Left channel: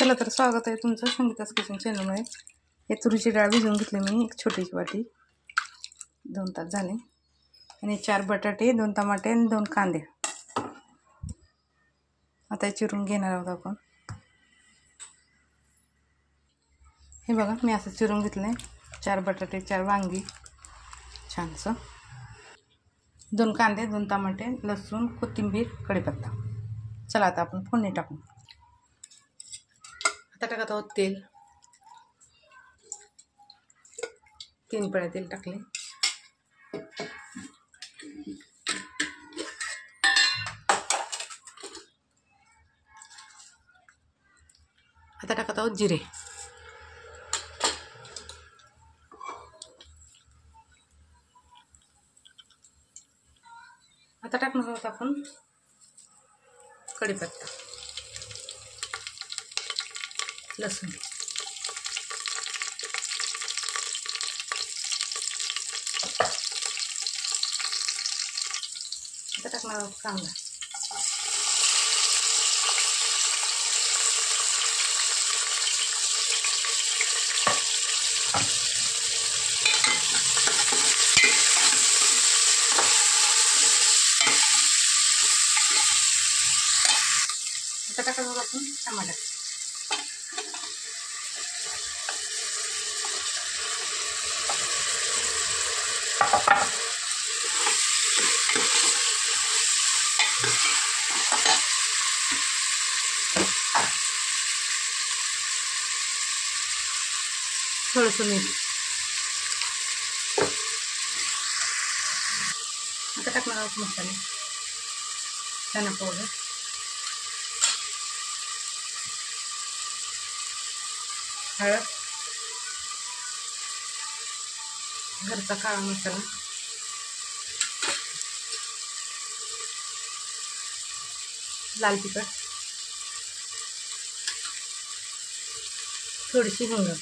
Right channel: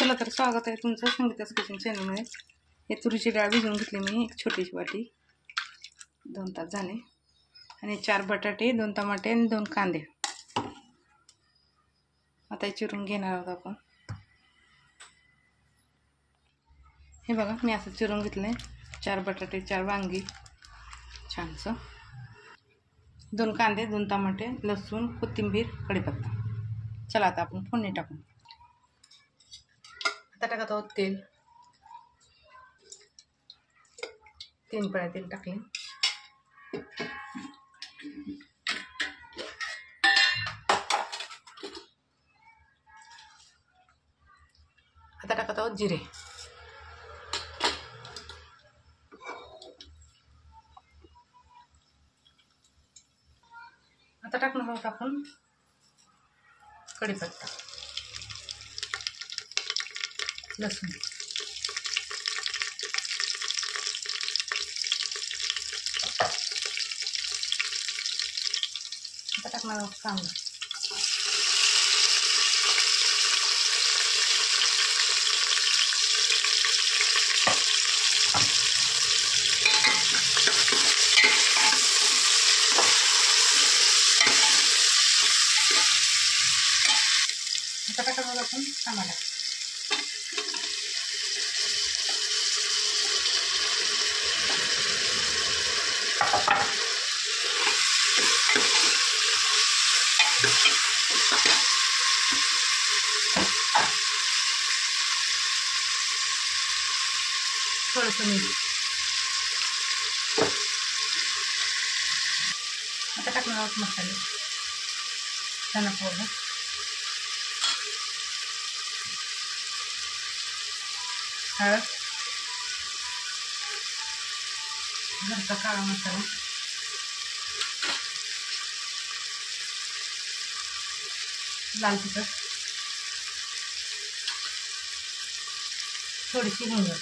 चला तर स्वागत आहे तुमचं संगीता's किचन चॅनलमध्ये। हे तुरीची डाळ भिजवून घेतली मी, एक छोटीशी वाटी, 2 तास झाले। आणि 4 बटाटे, 2 टमाटे आणि 2 कांदे आता चिरून घेणार आहोत आपण। हे बघा मी असं चिरून घेतलंय, 4 बटाटे, 4 वांगी छानसं, 2 कांदे, 2 टमाटे, लसूण, कोथिंबीर, कढीपत्ता। चला आता आपण फोडणी टाकू। आता टाकत आहोत तेल, 3 पळ्या तेल टाकले। आता टाकत आहोत जिरे, आता टाकणार आहोत आपण कढीपत्ता, लसूण, आता टाकणार आहोत कांदा, आता टाकणार आपण टमाटा, थोडंसं मीठ, आता टाकणार आहोत मसाले, धना पावडर, हळद, घरचा काळा मसाला, लाल तिखट, थोडीशी हिंग,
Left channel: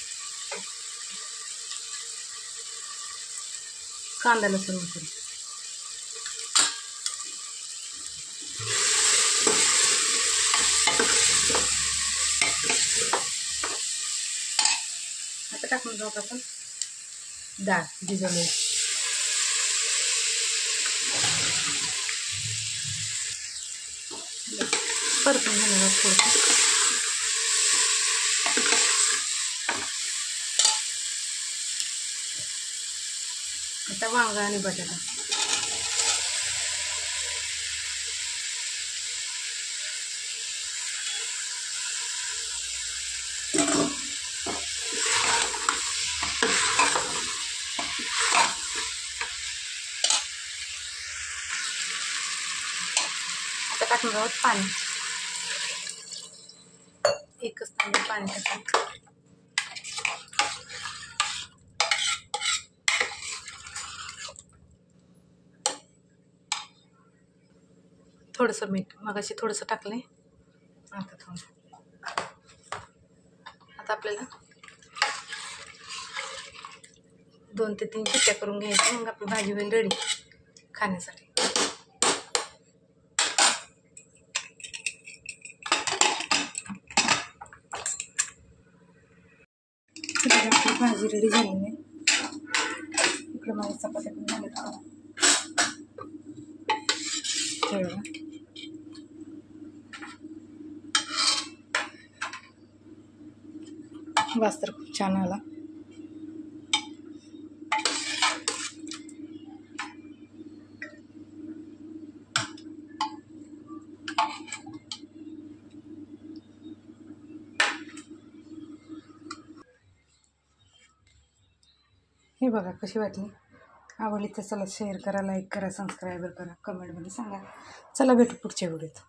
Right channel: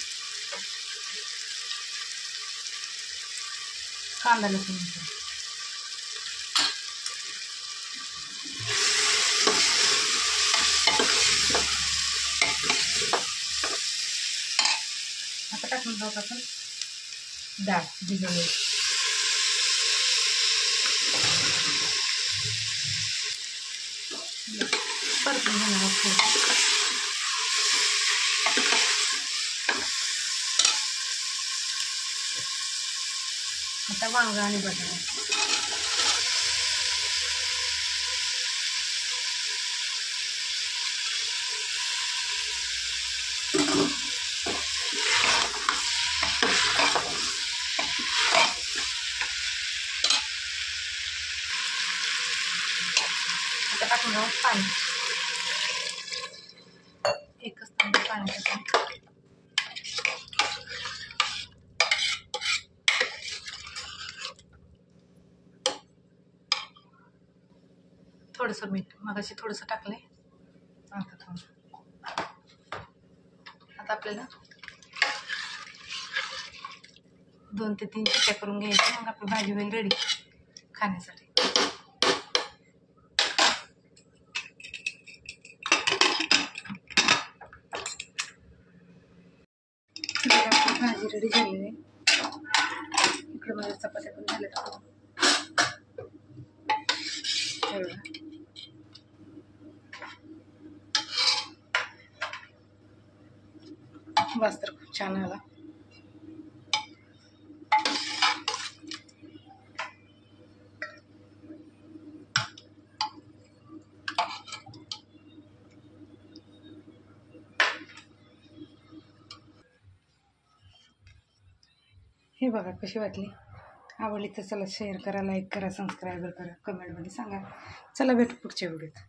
कांदा लसूण मिसळून, आता टाकून जाऊ आपण डाळ भिजवली, परतून घेणार आहोत। आता वांगा आणि बटाटा, आता टाकून आहोत पाणी, एकच तांब्या पाणी टाकून, थोडंसं मीठ, मगाशी थोडंसं टाकले, आता थोडं। आता आपल्याला 2 ते 3 शिट्ट्या करून घ्यायच्या, मग आपली भाजी होईल रेडी खाण्यासाठी। आपली भाजी रेडी झालेली आहे, इकडे माझ्या चपात्या पण झाल्यात। वास तर खूप छान आला। हे बघा कशी वाटली, आवडली तर चला शेअर करा, लाईक करा, सबस्क्राईब करा, कमेंटमध्ये सांगा। चला भेटू पुढच्या व्हिडिओत।